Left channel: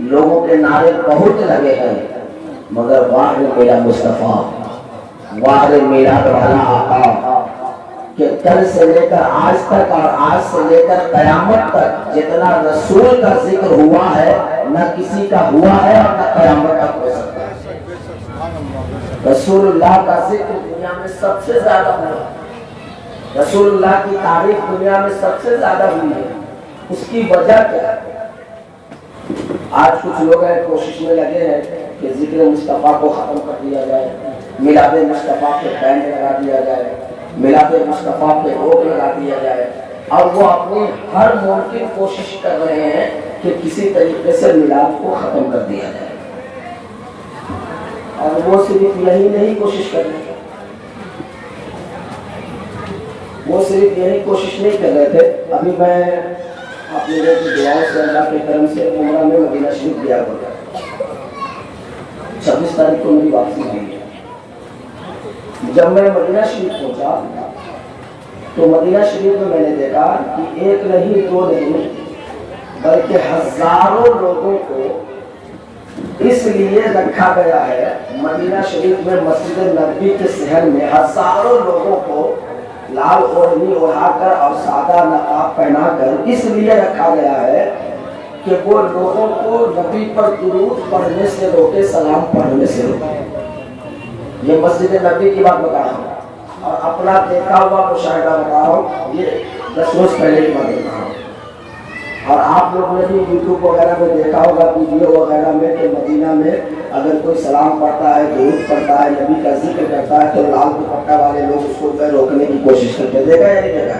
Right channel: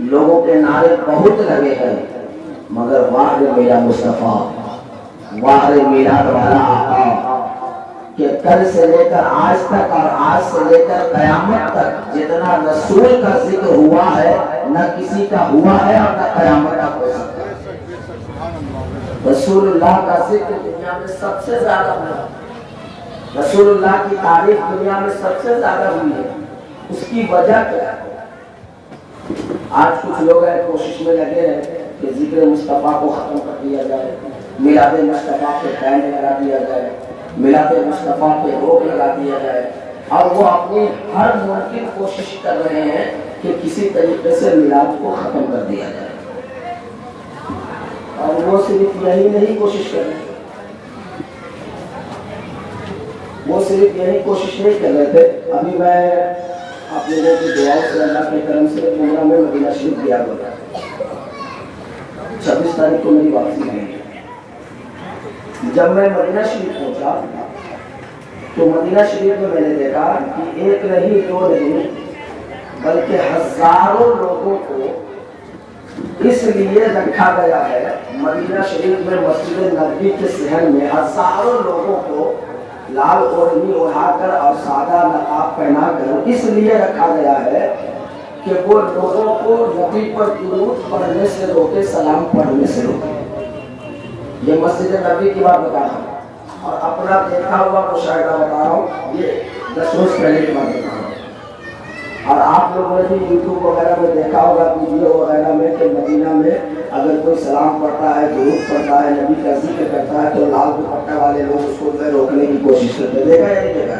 لوگوں کے نعرے بہت لگے ہیں مگر واہ میرا مصطفیٰ، واہ میرا والا آقا، کہ کل سے لے کر آج تک اور آج سے لے کر قیامت تک جتنا رسول کا ذکر ہوا ہے نہ کسی کا ہوا ہے اور نہ قیامت کا ہو سکتا ہے۔ رسول اللہ کا ذکر دنیا میں سب سے زیادہ ہوا، رسول اللہ کی تعریف دنیا میں سب سے زیادہ ہوئی ہے۔ اس کی وجہ کیا ہے؟ آج کچھ لوگ ہیں کوشش میں لگے ہیں کہ ذکر مصطفیٰ کو ختم کر دیا جائے، میلاد مصطفیٰ پہ بین لگا دیا جائے، میلاد مصطفیٰ پہ روک لگا دیا جائے، اور وہ اپنی ہر ممکن کوشش کر رہے ہیں کہ کسی طریقے سے میلاد کو ختم کر دیا جائے۔ اور وہ صرف یہی نہیں کوشش کر رہے، وہ صرف یہی کوشش نہیں کر رہے تھے۔ ابھی میں آپ لوگوں کی دعاؤں سے اللہ کے کرم سے عمرہ میں مدینہ شریف گیا ہوا، 26 تاریخ کو میری واپسی ہوئی۔ جب میں مدینہ شریف پہنچا تو مدینہ شریف میں میں نے دیکھا کہ ایک نہیں دو نہیں بلکہ ہزاروں لوگوں کو اس لیے رکھا گیا ہے مدینہ شریف میں مسجد نبوی کے صحن میں، ہزاروں لوگوں کو لال اوڑھنی اڑا کر اور سادہ نقاب پہنا کر اس لیے رکھا گیا ہے کہ وہ لوگوں کو نبی پر درود پڑھنے سے روکے، سلام پڑھنے سے روکے۔ یہ مسجد نبوی کی بات بتا رہا ہوں اور اپنا دیکھا ہوا مشاہدہ بتا رہا ہوں، یہ 10 روز پہلے کی بات بتا رہا ہوں۔ اور آپ لوگوں نے بھی یوٹیوب وغیرہ میں دیکھا ہوگا ویڈیو وغیرہ میں کہ مدینہ میں اگر کوئی سلام پڑھتا ہے، درود پڑھتا ہے، نبی کا ذکر کرتا ہے تو لال دوپٹہ والے لوگ اس کو روکنے کی کوشش کرتے ہیں۔ دیکھا یا نہیں دیکھا؟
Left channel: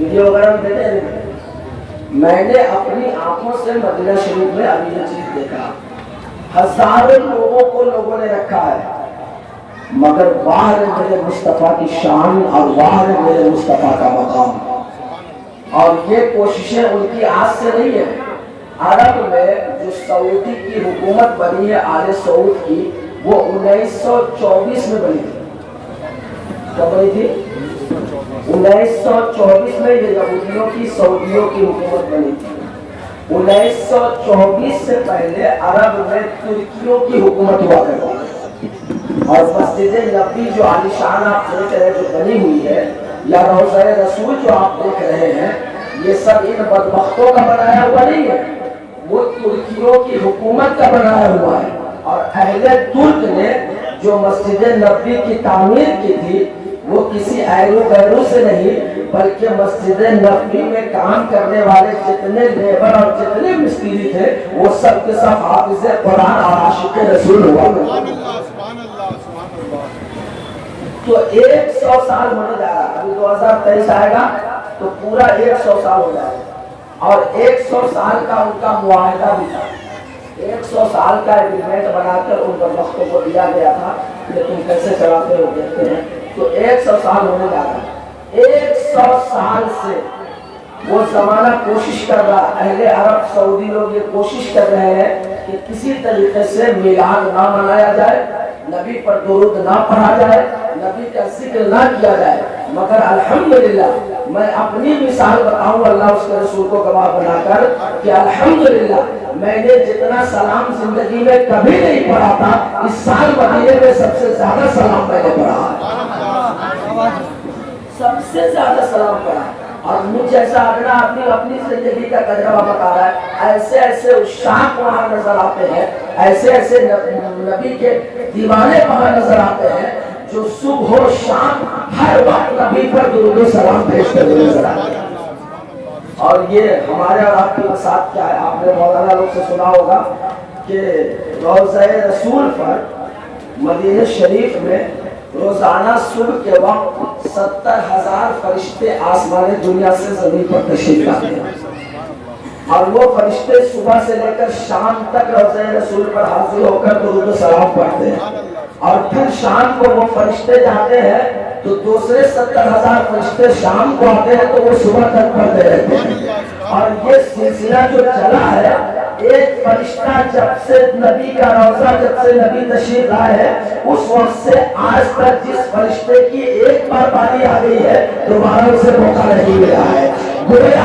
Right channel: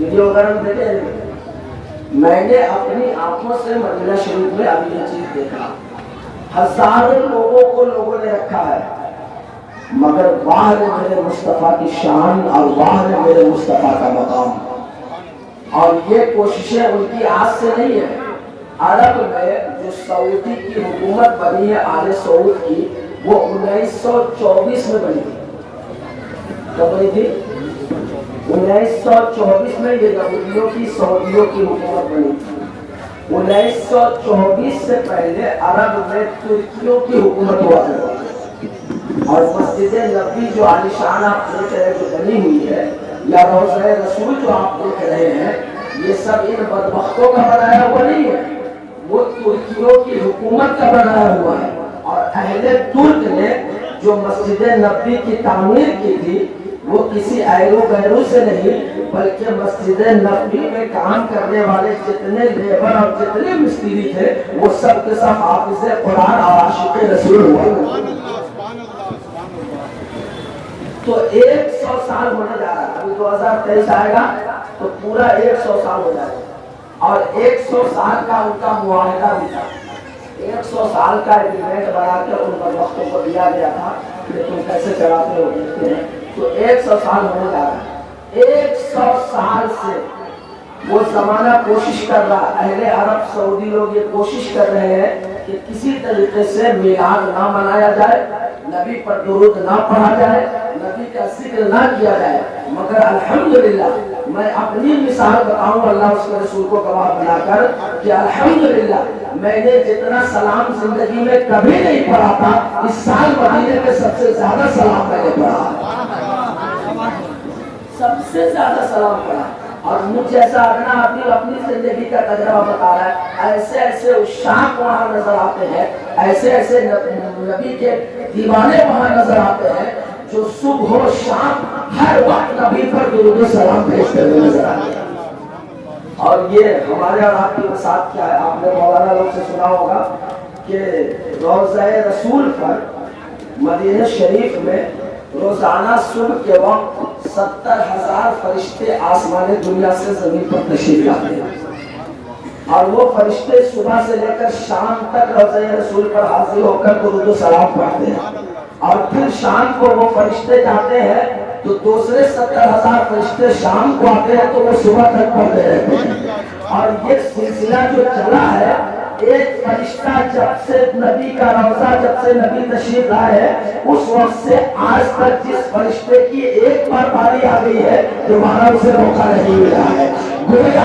ویڈیو وغیرہ میں دیکھا یا نہیں دیکھا؟ میں نے اپنی آنکھوں سے مدینہ شریف میں ابھی یہ چیز دیکھا، ہزاروں لوگوں کو لوگوں نے رکھا ہے، مگر باہر میرے مصطفیٰ کی شان اور باہر میرے مصطفیٰ کا مقام۔ اور یہ کوششیں ان کی آج سے نہیں ہے۔ عرب میں جو سعودی کی حکومت بنی ہے آل سعود کی، وہ 1924 میں بنی تھی۔ کب بنی تھی؟ 1924 میں یہ یہودیوں کی سعودیوں کی حکومت بنی تھی۔ 1924 سے پہلے عرب میں ترکیوں کی حکومت ہوا کرتی تھی۔ اور مسجد نبوی جو عالیشان آپ دیکھ رہے جو بنی ہوئی ہے، یا روضہ رسول جو آپ دیکھ رہے ہیں، یہ سب ان بدبختوں کا بنایا ہوا نہیں ہے، وہ ترکیوں کی حکومت کا بنایا ہوا ہے۔ اور اہل ترک نے جو مسجد نبوی کی تعمیر کی تھی وہ کسی ایرو غیرو سے نہیں بلکہ مسجد نبوی میں کام کرنے والے جتنے لیبر اور جتنے مستری تھے وہ سب کے سب حافظ قرآن اور عاشق رسول ہوا۔ تو 100 سال ہونے جا رہا ہے، ابھی 2023 آئے گا تو پورا 100 سال ہو جائے گا، اور 100 سال کا ان کا معاہدہ بھی تھا، 100 سال کا ایگریمنٹ بنا کر ان بدبختوں کو دیا گیا تھا، لیکن کیسے چڑھاتے ہو دیکھتے ہیں۔ تو 100 سال ہونے جا رہا ہے، 100 سال سے وہ زمانہ کوشش کر رہا، اہل عرب سعودی لوگ یہ کوشش کر رہے ہیں کہ کسی طریقے سے میلاد نہ منایا جائے، نبی پر درود نہ پڑھا جائے، نبی کا ذکر نہ کیا جائے، مگر الحمدللہ میں اپنی مثال بتاؤں اللہ اس کے رسول کو گواہ بنا کر کہ الحمدللہ میں نے جتنا سلام زندگی میں کبھی نہیں پڑھا تھا، اس سال مدینے میں سب سے زیادہ سلام میں نے پڑھا، سب سے زیادہ سلام پڑھا۔ اور مجھ جیسا اپنی زندگی کا تجربہ بتا رہا ہے، ایسے ایسے عشاق وہاں نظر آتے ہیں، ایسے ایسے نبی کے دیوانے وہاں نظر آتے ہیں جو صبح و شام ہر وقت نبی پر درود و سلام بھیجتے ہوئے نظر آتے ہیں۔ اور یہ ہمارے اور آپ کے ساتھ کیا ہے، آپ نے مولانا لوگ سے سنا ہوگا کہ روضہ رسول پر مدینہ شریف میں روزانہ صبح کے وقت 70,000 فرشتے آسمان دنیا سے زمین پر تشریف لاتے ہیں، اور وہ فرشتے صبح سے لے کر شام تک روضہ رسول پر حاضر ہو کر درود و سلام پڑھتے ہیں، اور پھر شام کو وہ فرشتے جاتے ہیں تو دوسرے 70,000 فرشتے شام کو آتے ہیں تو وہ صبح تک پڑھتے رہتے ہیں۔ اور یہ سلسلہ جو چلا ہے، ایک فرشتہ جب سے نبی کا روضہ جب سے نبی تشریف لائے ہیں اس وقت سے آج تک جس فرشتے کی ایک بار باری آ گئی ہے دوبارہ اسے موقع نہیں ملا ہے۔ گویا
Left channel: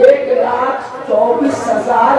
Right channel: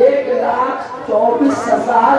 1,24,000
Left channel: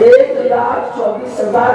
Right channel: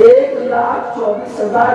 1,24,000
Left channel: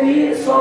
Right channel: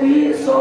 300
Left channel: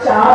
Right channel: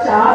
4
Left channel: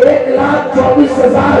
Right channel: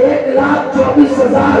1,24,000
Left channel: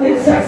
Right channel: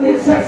63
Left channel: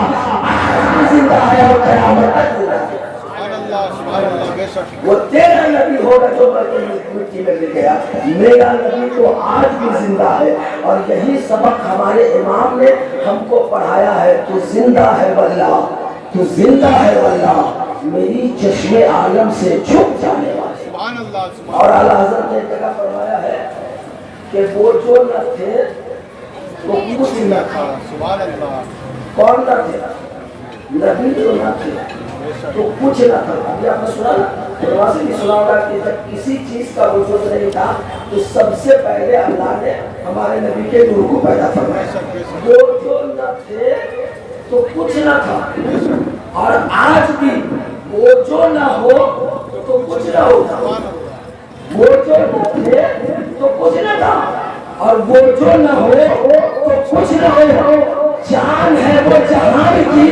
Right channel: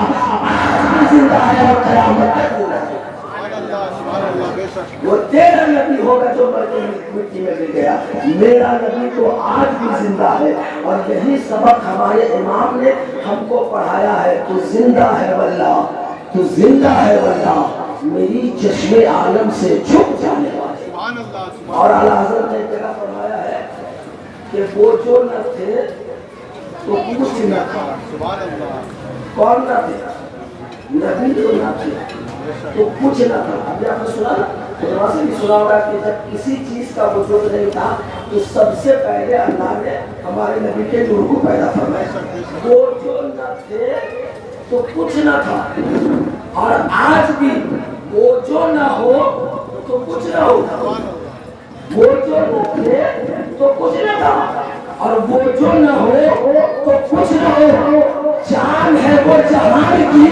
آج بھی زندہ ہے اور قیامت تک زندہ ہے۔ وہ تیرا نبی ہوگا جو مٹی میں گر گیا، میرا نبی تو آج بھی زندہ ہے۔ اور یہی سبق ہمارے امام نے ہم کو پڑھایا ہے، تو زندہ ہے واللہ، تو زندہ ہے واللہ، میری چشم عالم سے چھپ جانے والے۔ اور اعلیٰ حضرت نے جگہ فرمایا ہے کہ وہ جو نہ تھے تو کچھ نہ تھا۔ کون نہ تھے؟ نبی جو نہ تھے تو کچھ نہ تھا۔ ابھی آپ نے سنا نا، دروازے بھی سنا ہوگا کہ جب کسی چیز کا وجود نہیں تھا تو سب سے پہلے اللہ نے ہمارے نبی کے نور کو پیدا فرمایا۔ وہ جو نہ تھے تو کچھ نہ تھا، اور آج بھی وہ جو نہ ہو تو کچھ نہ ہوتا۔ وہ جو نہ تھے تو کچھ نہ تھا، اور وہ جو نہ ہو تو کچھ نہ ہو۔ جان ہے وہ جہان کی،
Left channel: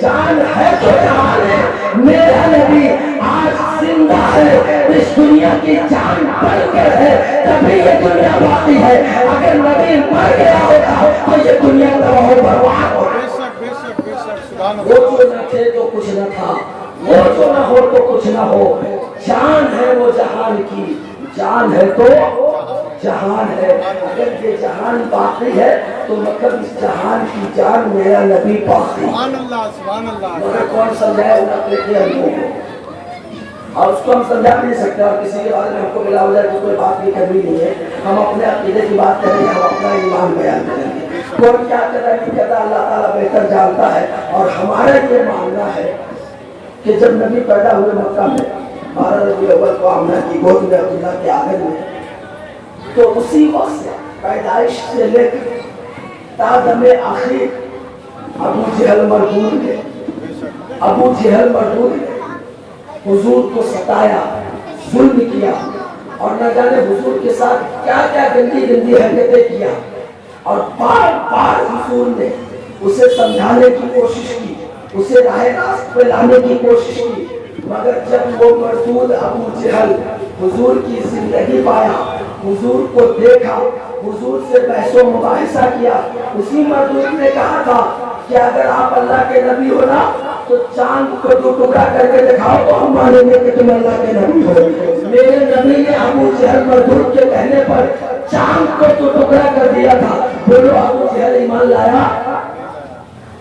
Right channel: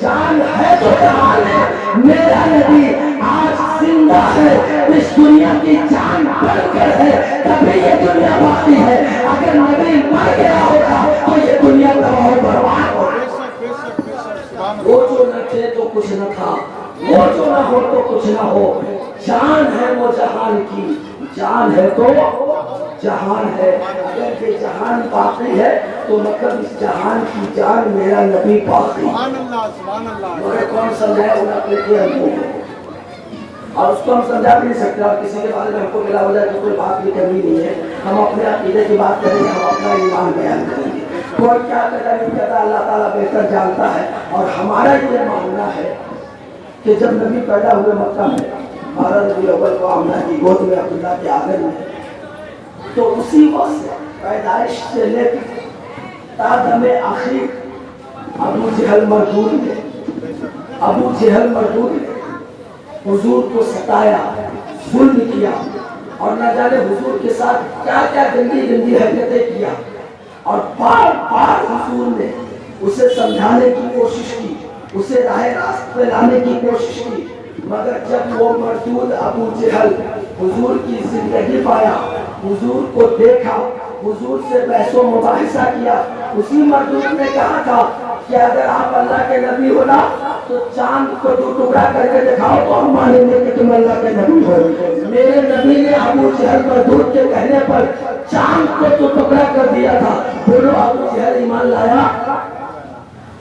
جان ہے تو جہان ہے، میرا نبی آج زندہ ہے، اس دنیا کی جان بن کر ہے، تبھی یہ دنیا باقی ہے۔ اگر نبی مر گیا ہوتا تو یہ دنیا تباہ و برباد ہوتی۔ وہ جو نہ تھے تو کچھ نہ تھا، وہ جو نہ ہو تو کچھ نہ ہو۔ جان ہے وہ جہان کی، جان ہے تو جہان ہے۔ اگر یہ جہان باقی ہے تو مطلب اس جہان کی جان میرا نبی باقی۔ مگر کون سمجھائے انہیں اپنے ہم کو، اور اس کو ہم سمجھا بھی نہیں سکتے، اور کسی کے بارے میں ہم کو ملا ہو جائے تو کوئی بات بھی کرنی نہیں ہے۔ ہم اپنے عقیدے کی بات کریں گے، ہم اپنا ایمان بیان کریں گے۔ کون کیا کرتا نہیں کرتا اللہ تعالیٰ بہتر جانتا ہے۔ اور ہمارا یہ ماننا ہے کہ جب نبی پیدا ہوئے مکہ میں 12 ربیع الاول کو آمنہ کی گود میں عبداللہ کے آنگن میں، تو اسی وقت سے پیدائش سے لے کر تا دم آخر ابو جہل مردود نے حضور کو ستایا، ظلم کیا، اور نہ جانے حضور کے ساتھ کیا کیا گندی گندی حرکتیں کیا، اور بار بار حضور نے اسے سمجھانے کی کوشش کی، اسے راہ راست پہ لانے کی کوشش کی، مگر جب وہ مردود ابو جہل حضور کی زندگی پایا، حضور کو دیکھا، حضور سے بحث و مباحثہ کیا، اسی مردود نے کہا تھا کہ اگر آپ اللہ کے نبی ہو نا تو چاند کو دو ٹکڑا کر کے دکھاؤ تو ہم مانیں گے کہ تم اللہ کے نبی ہو۔ میرے نبی نے ابو جہل مردود کے کہنے پر چاند کو دو ٹکڑا کر دیا تھا۔ بولو ابو جہل ایمان لایا؟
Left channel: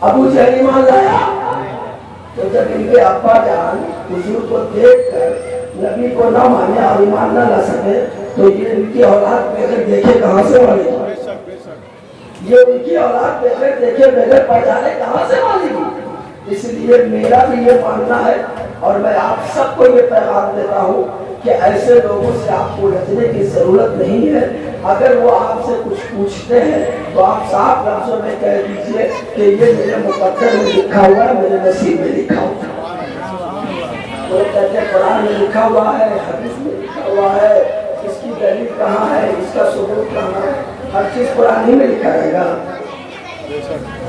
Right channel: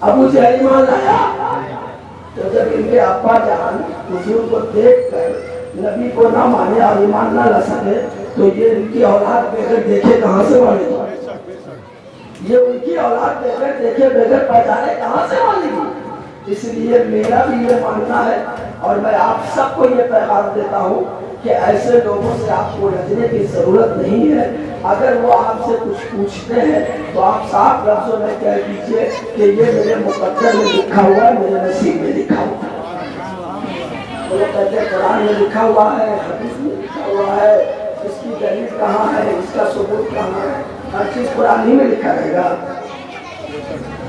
ابو جہل ایمان لایا؟ تو جب ان کے ابا جان حضور کو دیکھ کر نبی کو نہ مانے اور ایمان نہ لا سکے تو یہ ان کی اولاد بغیر دیکھے کہاں سے مانے گی؟ یہ ان کی اولاد بغیر دیکھے بغیر پہچانے کہاں سے مانے گی؟ اس لیے میرا بھی یہ ماننا ہے، اور میں آپ سب کو یہ پیغام دیتا ہوں کہ ایسے لوگوں سے آپ کو لجنے کی ضرورت نہیں ہے۔ اگر وہ آپ سے کچھ پوچھتے ہیں تو آپ صاف لفظوں میں کہہ دیجئے کہ یہ میرے مقدر میں لکھا ہوا ہے، میرے نصیب میں لکھا ہوا ہے۔ وہ کہتے ہیں قرآن میں لکھا ہوا ہے، حدیث میں لکھا ہوا ہے، اس کی دلیل کہاں ہے، اس کا ثبوت کہاں ہے؟ ہر چیز قرآن ہی میں لکھا رہے گا۔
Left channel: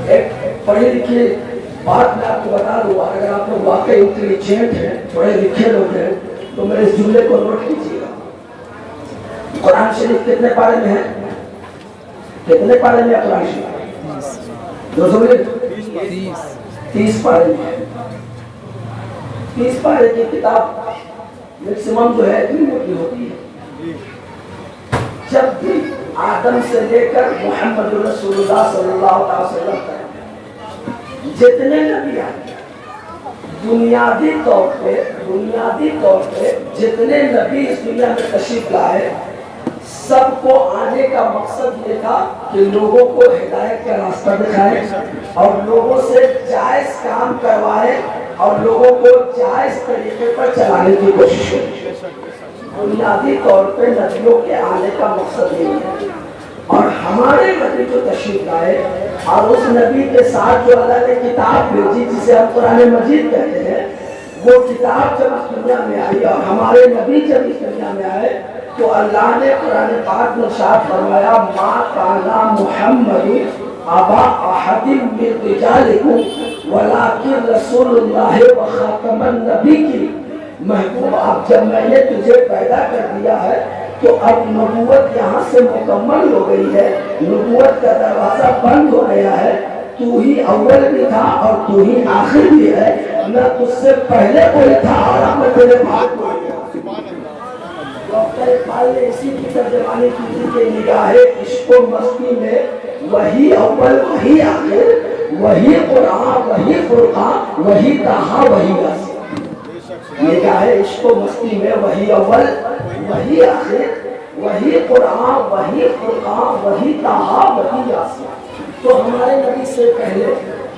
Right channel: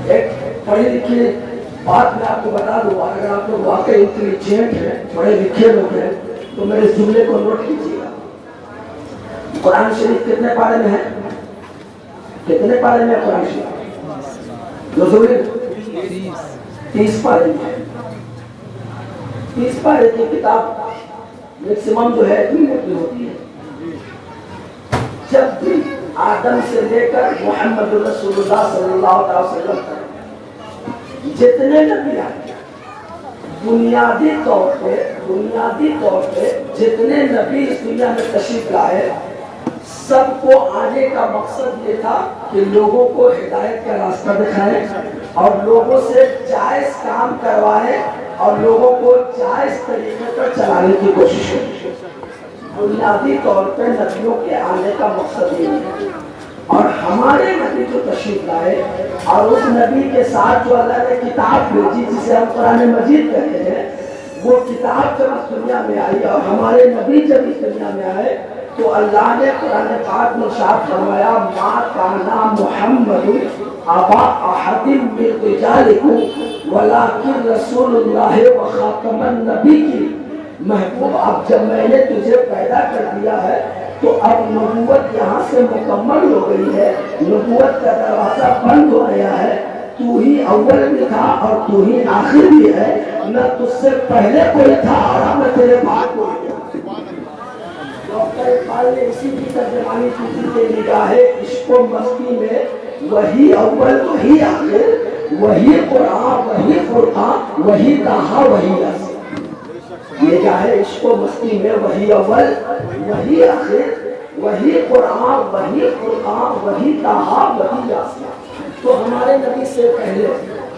ایک پڑھی لکھی بات میں آپ کو بتا دوں، اگر آپ لوگ واقعی انٹیلیجنٹ ہیں، پڑھے لکھے لوگ ہیں، تو میرے اس جملے کو نوٹ کیجیے گا۔ قرآن شریف کتنے پارے میں ہے؟ کتنے پارے میں قرآن شریف؟ 30 پارے میں ہے۔ 30 پارے کی کتاب میکسیمم جو ہے اتنی موٹی ہوتی ہے۔ جب بھی آدم سے لے کر محمد رسول اللہ صلی اللہ علیہ وسلم تک جتنے نبی آئے، بنیادی طور پہ جتنے نبی اس دنیا میں تشریف لائے، سب کو آنے کا مقصد یہ تھا کہ لوگوں کو ہدایت کا راستہ دکھائے اور لوگوں سے جائز کام کروائے اور لوگوں کو جائز طریقے پر چلانے کی کوشش کرے۔ بنیادی طور پہ نبیوں کے آنے کا مقصد یہ ہے، اور ہمارے نبی جو تشریف لائے اور اس نبی کے ساتھ جو اللہ نے کتاب بھیجی جسے ہم قرآن مجید کہتے ہیں، وہ کتاب جب اس دنیا میں آئی اور ہمارے نبی جب اس دنیا میں آئے تو اللہ نے قرآن پاک میں ارشاد فرمایا ما کان محمد ابا احد من رجالکم ولکن رسول اللہ وخاتم النبیین۔ محبوب اب جب میں نے تجھے پیدا کر دیا ہے تو اب نبوت یہاں سے مکمل ہو گئی ہے، نبوت کا دروازہ بند ہو گیا ہے، تو ہی اول بھی تھا اور تو ہی آخر بھی ہے، نہ تجھ سے پہلے کوئی تھا اور نہ تیرے بعد کوئی تھا۔ ڈاکٹر اقبال نے اسی کی ترجمانی کی تھی کہ نگاہ عشق و مستی میں وہی اول وہی آخر، وہی قرآن وہی فرقان وہی طٰہٰ وہی یاسین۔ نگاہ عشق و مستی میں وہی اول وہی آخر، وہی قرآن وہی فرقان وہی طٰہٰ وہی یاسین۔ تو ہمارے نبی سے پہلے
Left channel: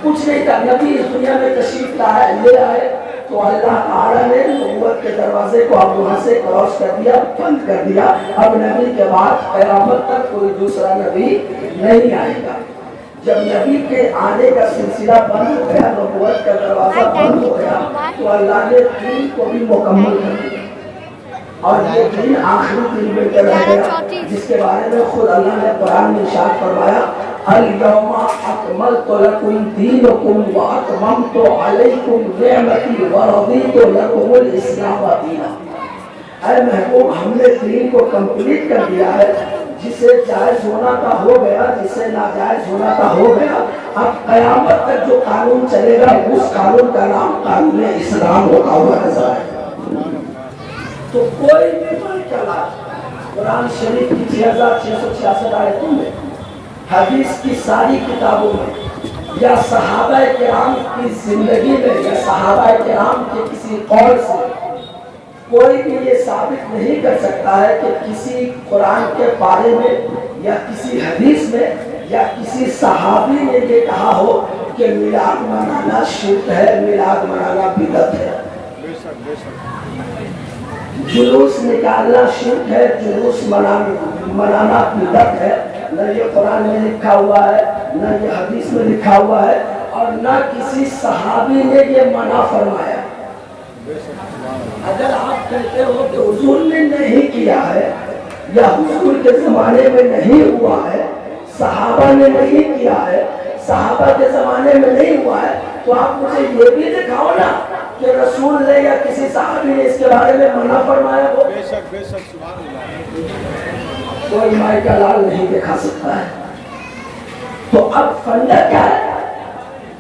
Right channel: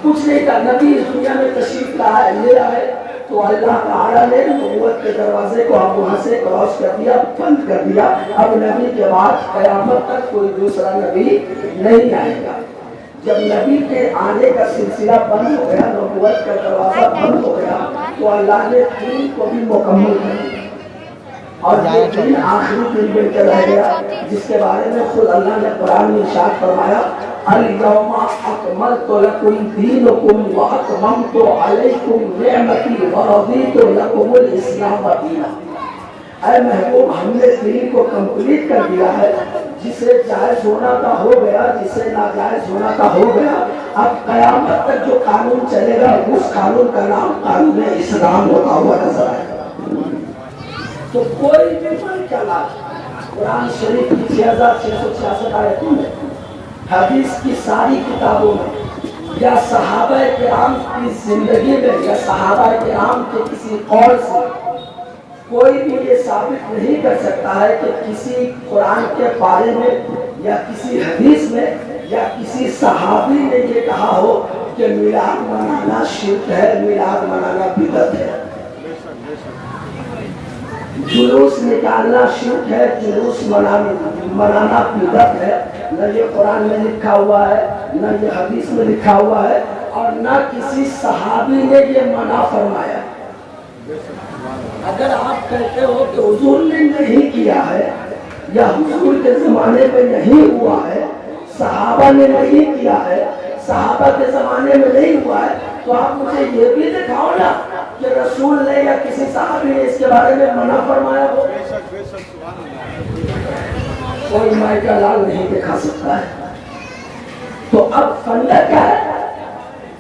کچھ نہیں تھا۔ نبی اس دنیا میں تشریف لے آئے تو اللہ تعالیٰ نے نبوت کے دروازے کو اب وہاں سے کلوز کر دیا، بند کر دیا۔ اب نبی کے بعد قیامت تک کوئی دوسرا نبی نہیں آئے گا۔ جب نبی کے آنے کا سلسلہ بند ہو گیا، نبوت کا دروازہ بند ہو گیا، تو اللہ نے دین کو بھی مکمل کر دیا، اور یہ دین آخری دن بن کے رہ گیا، جس کے بارے میں خود اللہ نے قرآن میں ارشاد فرمایا، اليوم اکملت لکم دینکم واتممت علیکم نعمتی ورضیت لکم الاسلام دینا۔ اے محبوب، ہم نے دین کو کمپلیٹ کر دیا ہے، جسے جائز ہونا کا ہو گیا، جسے ناجائز ہونا کا ہو گیا۔ اب قیامت تک جو قانون چلے گا اس قانون کا نام قانون اسلام ہوتا ہوا نظر ہے۔ تو کوئی بھی بل چلا قرآن شریف کی 6666 آیتوں میں، حدیث کی ساری کتابوں میں، یا صحابہ کرام کی زندگی میں، یا صحابہ کرام کے کسی قول سے کوئی بھی یہ ثابت نہیں کر سکتا ہے کہ کسی قرآن کے بارے میں یا کسی حدیث میں یا کسی صحابی نے یہ کہا ہو کہ میلاد منانا شرک ہے، میلاد منانا بدعت ہے۔ جلوس نکالنا شرک ہے، جلوس منانا بدعت ہے، نہ یہ قرآن میں لکھا ہوا ہے، نہ یہ حدیث میں لکھا ہوا ہے، اور نہ کسی صحابی نے یہ منع فرمایا۔ اگر آپ کہتے ہو کہ حضور نے نہیں کیا ہے، یا حضور کے زمانے میں نہیں ہوا ہے، صحابہ نے نہیں کیا ہے، صحابہ کے زمانے میں نہیں ہوا ہے، تو آپ مجھے یہ بھی دکھاؤ نا کہ رسول نے یا کسی صحابی نے اس کے بارے میں منع فرمایا ہو۔ کوئی مائی کا لال نہیں دکھا سکتا ہے۔ تو اب فندہ کیا ہے؟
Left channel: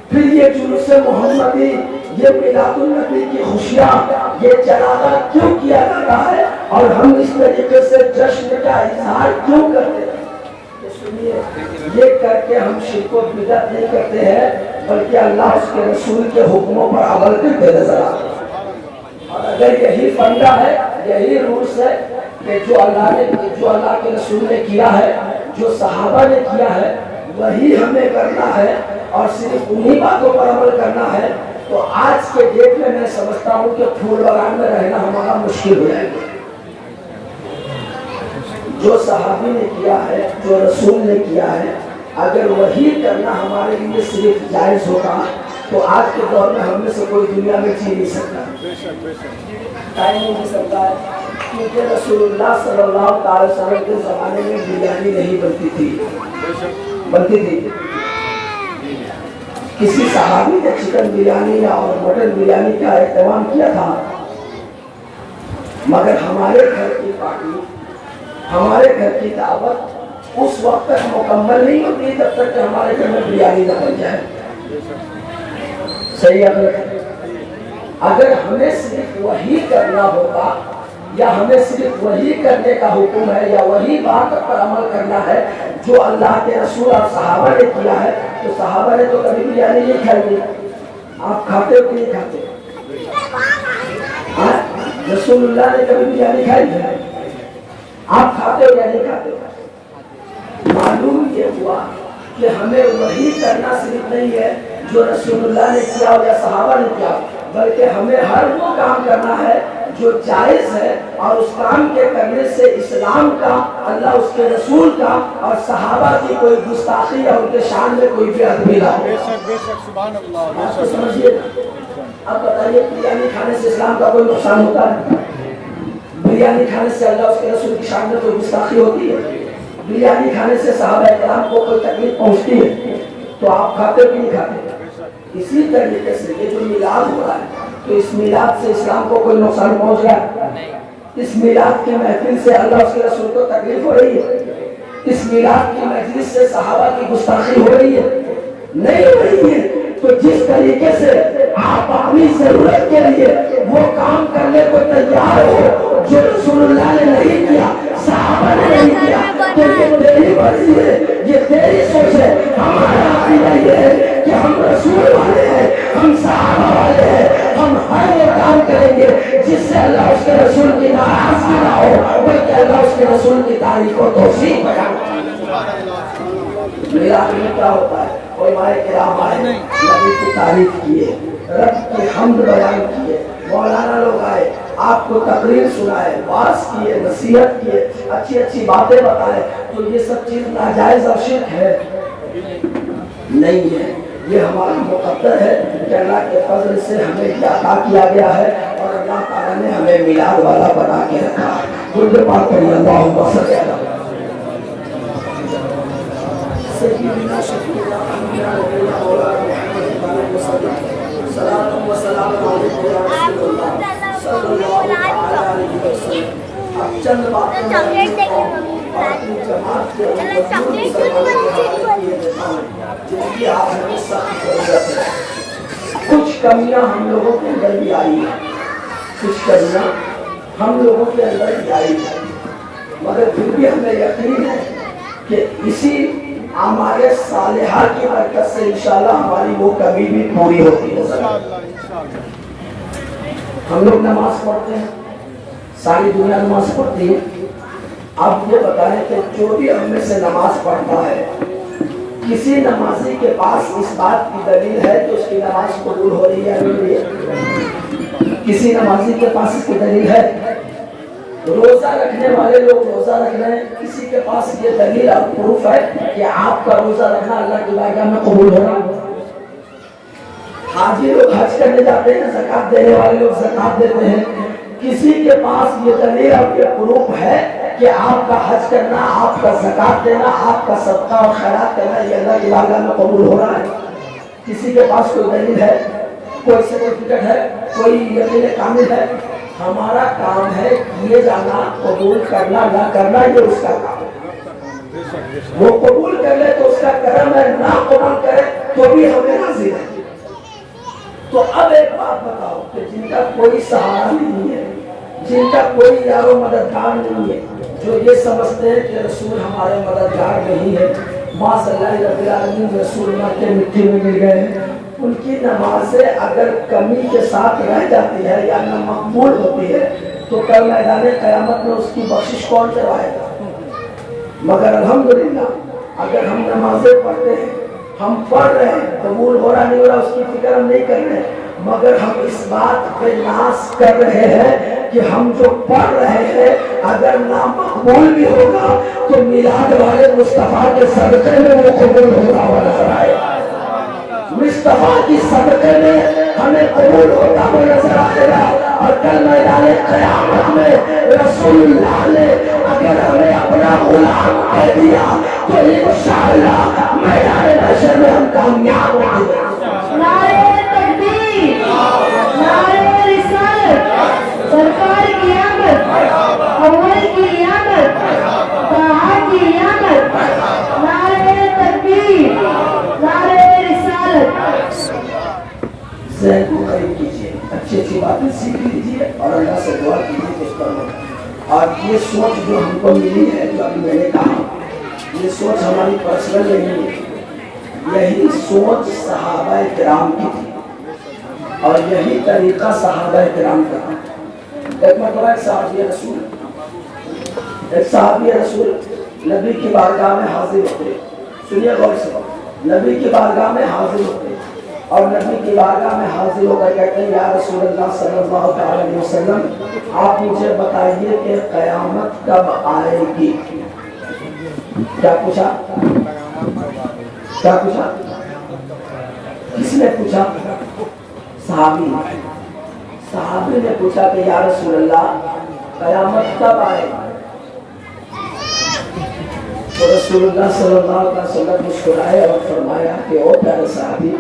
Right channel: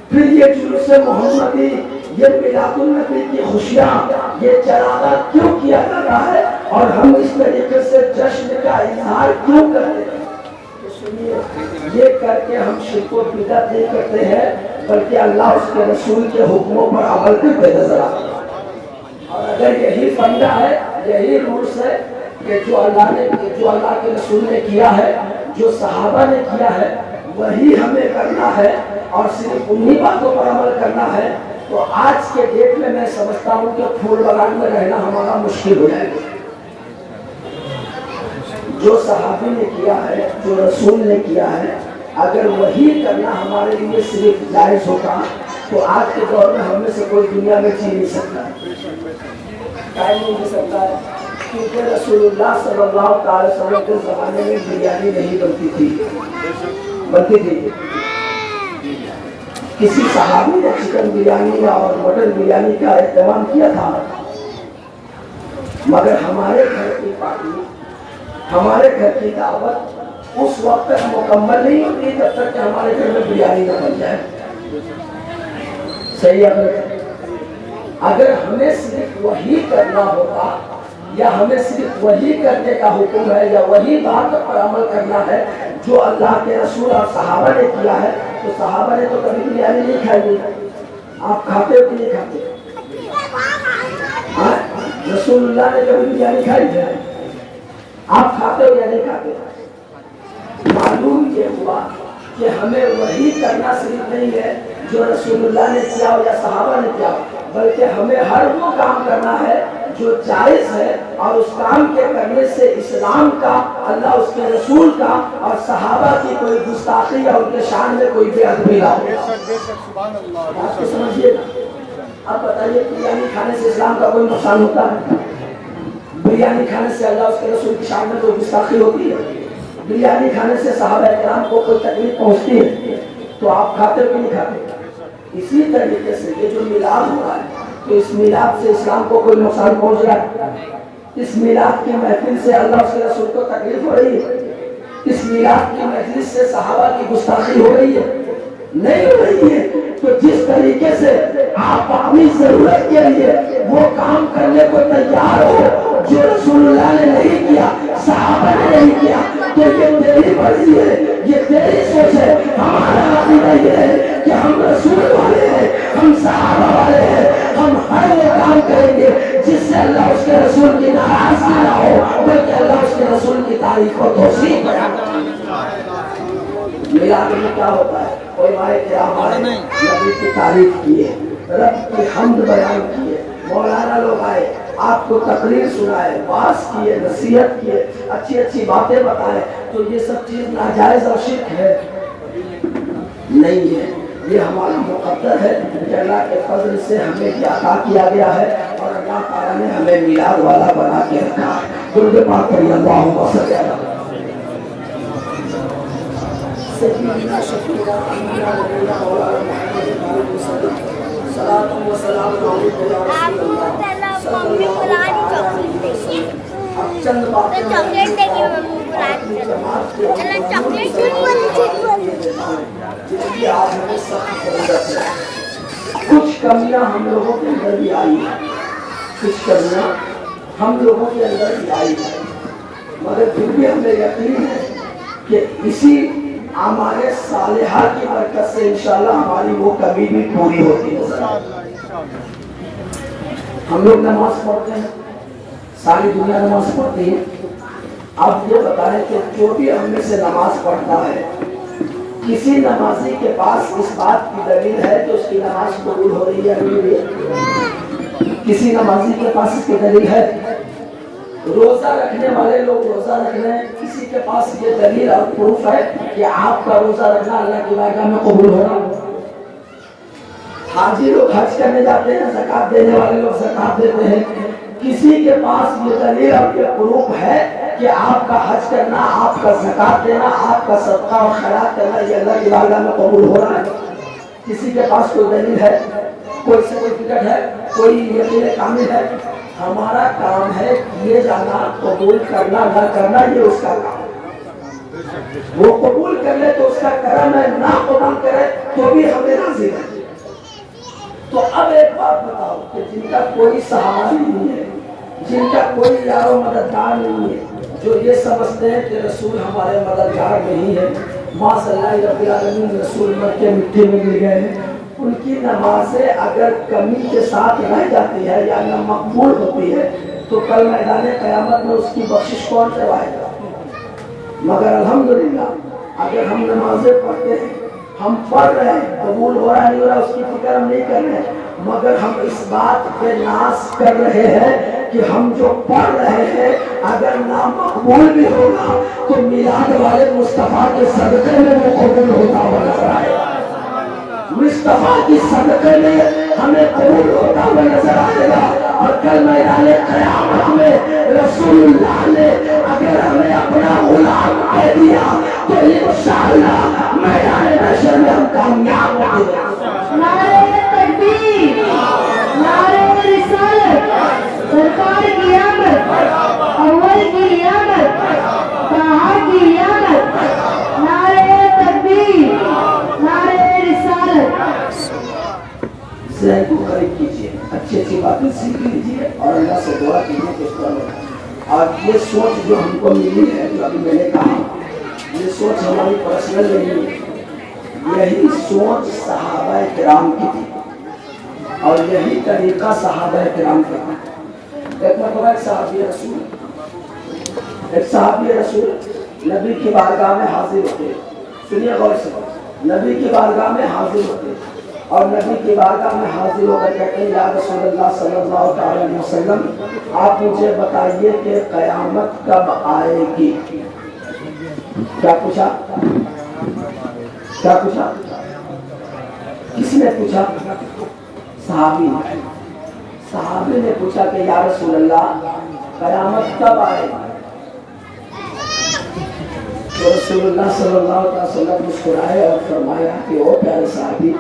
پھر یہ جلوس محمدی، یہ میلاد النبی کی خوشیاں، یہ چراغاں کیوں کیا جا رہا ہے، اور ہم اس طریقے سے جشن کا اظہار کیوں کرتے ہیں؟ تو سنیے، یہ کر کے ہم شرک و بدعت نہیں کرتے ہیں، بلکہ اللہ اس کے رسول کے حکموں پر عمل کرتے نظر آتے ہیں۔ اور اگر یہی فندہ ہے، یہی رولس ہے کہ جو اللہ کے رسول نے کیا ہے، جو صحابہ نے کیا ہے، وہی ہمیں کرنا ہے اور صرف انہی باتوں پر عمل کرنا ہے، تو آج کے ڈیٹ میں میں سمجھتا ہوں کہ پھول بغان میں رہنا ہمارا مشکل ہو جائے گا۔ جو صحابی نے کیا ہے، جو رسول نے کیا ہے، اگر وہی کرنا ہمارے لیے صرف جائز ہوگا، تو آج کے دور میں ہم میں سے کوئی دنیا میں جی نہیں سکتا، ٹائم نہیں دے سکتا ہے، کیونکہ رسول اللہ صلی اللہ علیہ وسلم کے زمانے میں بریانی نہیں بنتی تھی، بنتی تھی۔ کسی صحابی نے چکن بریانی اور مٹن بریانی کا اہتمام کیا تھا، مگر ہمارے گھر کی پارٹی، ہمارے گھر کی دعوت اس وقت تک مکمل نہیں ہوتی جب تک کہ ہمارے گھر میں بریانی نہ بن جائے۔ صحیح ہے؟ اگر ہمیں صرف وہی کرنا ہوتا، یا ہمیں صرف وہی کرنے کا حکم ہے، یا وہی بات پر عمل کرنا ہے جو اللہ کے رسول اور صحابہ نے کیا ہے، تو صحابہ نے تو کبھی بریانی نہیں کھائی۔ آپ کھاتے ہو کہ نہیں کھاتے؟ رسول اللہ نے کبھی بریانی کھائی ہے؟ آپ کھاتے ہو یا نہیں کھاتے؟ معلوم یہ ہوا کہ ہمیں وہی کرنا صرف نہیں ہے جو رسول اللہ نے کیا یا صحابہ نے کیا، بلکہ ہمیں ہر وہ کام کرنا ہے جو جائز ہے، اور اس کام کے کرنے سے اسلام کا، اللہ اس کے رسول کا اور صحابہ کی کوئی گستاخی یا ان کے شان میں کوئی بے ادبی نہ ہو۔ بات کو سمجھیے۔ اب بتائیے، بریانی کھانے سے اسلام کا کوئی نقصان ہوتا ہے؟ بریانی کھانے سے اللہ اس کے رسول کی شان میں کوئی گستاخی ہوتی ہے؟ بریانی کھانے سے صحابہ کرام کو کوئی تکلیف پہنچتی ہے؟ تو آپ کھاتے ہو کہ نہیں کھاتے؟ اسی طریقے سے یہ جو میلاد ہو رہا ہے، تو اس میلاد سے اسلام کو کوئی نقصان پہنچ رہا ہے؟ اس میلاد کی محفل سے اللہ اس کے رسول کو تکلیف ہو رہی ہے؟ اس میلاد کی مجلس سے صحابہ کی گستاخی ہو رہی ہے؟ نہیں ہو رہی ہے تو جس طریقے سے آپ اپنی ضرورت کے لیے وہ کام کرنے کو تیار ہو جو رسول اللہ نے نہیں کیا، صحابہ نے نہیں کیا، تو یہ تیری مرضی ہے، یہ تیری سوچ ہے۔ ہمارا عقیدہ یہ ہے کہ ہم رسول والے ہیں، ہم صحابہ والے ہیں، ہم ہر وہ کام کریں گے جس سے اللہ اس کے رسول کی ناراضگی نہ ہو، بلکہ اللہ اس کے رسول کی تعریف و توصیف بیان کرے۔ میلاد میں کیا ہوتا ہے؟ علماء کرام آئے، نبی کی تعریف کیے، رب کی حمد بیان کیے، مولانا لوگ آئے، آپ کو تقریر سنائے، واعظ کیے، نصیحت کیے، اچھی اچھی باتیں بتائے، تو یہ سب چیز ناجائز اور شرک ہے؟ نہیں ہے، یہ ہمارا مقدر ہے کہ اللہ کے فضل سے ہمیں یہ عطا کیا گیا ہے اور اللہ تعالیٰ نے ہمیں میلاد والا بنا کے رکھا ہے۔ درود پاک پڑھیے، اللہم صلی علی سیدنا شفیعنا امینہ نبینا مولانا محمد وسلم، صلاۃ و سلام علیک یا رسول اللہ صلی اللہ علیہ وسلم۔ اب چند باتیں چاکلیٹ دیں گے ممی، چلو چاکلیٹ جن کی آج ہمیں سخت ضرورت ہے۔ کچھ کمیاں ہم لوگوں کے اندر بھی آئی ہیں، کچھ کمیاں ہم لوگوں کے اندر بھی آئی ہیں، مگر پھر بھی ہمیں یقین ہے کہ اسی ہمارے صالحہ کی برکت سے انشاءاللہ ہماری وہ کمی بھی پوری ہوتی ہے۔ ہم لوگ نماز پڑھتے ہیں، ساری دنیا نماز پڑھتی ہے، آپ یہ بتائیں کہ جو بھی ہم میں سے نماز پڑھتا ہے، کسی نمازی کے پاس اس بات کی دلیل ہے کہ اس کی نماز قبول ہو رہی ہے یا نہیں ہو رہی ہے؟ کسی نمازی کے پاس اس کی دلیل ہے؟ روزہ رکھنے والے لوگ روزہ رکھ رہے ہیں، کسی کے پاس یہ دلیل اور پروف ہے کہ آپ کا روزہ رکھنا اللہ کی بارگاہ میں قبول ہو رہا ہے؟ حاجی لوگ حج کرنے جاتے ہیں، زکات دینے والے لوگ زکات دیتے ہیں، کسی کے پاس یہ دلیل اور یہ پروف ہے کہ آپ کا حج کرنا، آپ کا زکات دینا، آپ کا صدقہ اور خیرات کرنا یہ اللہ کی بارگاہ میں قبول ہو رہا ہے؟ کسی کے پاس کوئی دلیل ہے، کوئی سرٹیفکیٹ ہے، کوئی یقین کامل ہے؟ ہمارا کام ہے کیے جانا، قبول کرنا نہ کرنا یہ اس کا کام ہے۔ وہ قبول کر لے تو اس کا کرم ہے، نہ قبول کرے تو بھی ہمیں راضی ہے۔ تو اب ایک بات بتاؤ کہ جن کا کوئی سہارا نہیں ہے، جن کا کوئی یار و مددگار نہیں ہے، جو یہ سمجھتے ہیں کہ رسول ہمارے مددگار نہیں ہے، معاذ اللہ رب العالمین رسول مر کے مٹی میں گر گئے ہیں، ان کی نمازیں اگر کمی کے ساتھ رہ جاتی ہے یا نہ مقبول ہوتی ہے تو کل میدان قیامت میں اس کی بخشش کون چلائے گا؟ مگر الحمدللہ اگر ہم نمازیں پڑھتے ہیں، ہم پڑھ رہے ہیں، قبول ہو رہا نہیں ہو رہا اس کی فکر ہم نہیں کر رہے، مگر ہم اس بات پہ ناز کر رہے ہیں کہ ہم جو پڑھ رہے ہیں اگر نامقبول بھی ہوگا تو میلاد والے مصطفیٰ کے صدقے میں وہ قبول ہوتا ہوا نظر آئے گا، مصطفیٰ کی صدقے میں ہمیں قبول ہوتا ہوا نظر آئے گا۔ اور کل میدان قیامت میں رسول اللہ نے اگر ہمیں اپنا غلام کہہ دیا تو انشاءاللہ میدان محشر میں ہم کامیاب ہوں گے۔ نعرہ تکبیر، نعرہ رسالت، سرکار کی آمد، اول کی آمد، طٰہٰ کی آمد، نعرہ تکبیر، نعرہ رسالت۔ ذہن کو قریب کیجیے، اچھی اچھی باتیں سیکھ لیجیے اور اللہ سے دعا کیجیے کہ اس پر اور یہ سوچ جو ہم کو ملی ہے، جو ابھی میں نے کہا، یہ سوچ ہماری پرسنل نہیں ہے، یہی سوچ صحابہ کرام کی تھی اور یہی طریقہ صحابہ کرام کا تھا۔ ایک مرتبہ ایک صحابی رسول نبی کی بارگاہ میں حاضر ہوتے، سنیے غور سے، نبی کی بارگاہ میں حاضر ہوتے اور نبی کی بارگاہ میں حاضر ہو کر کہتے ہیں یا رسول اللہ صلی اللہ علیہ وسلم آپ مجھے بتائیے کہ قیامت کب آئے گی؟ کیا پوچھا؟ کیا پوچھا؟ کس نے پوچھا؟ صحابی نے۔ صحابی نے پوچھا کہ یا رسول اللہ قیامت کب آئے گی؟ تو رسول اللہ صلی اللہ علیہ وسلم مسکرائے اور فرمایا کہ او پیارے صحابی،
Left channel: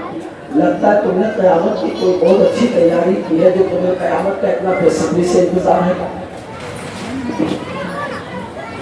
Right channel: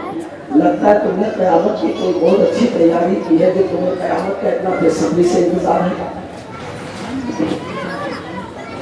لگتا ہے تم نے قیامت کی کوئی بہت اچھی تیاری کی ہے جو تمہیں قیامت کا اتنا بے صبری سے انتظار ہے۔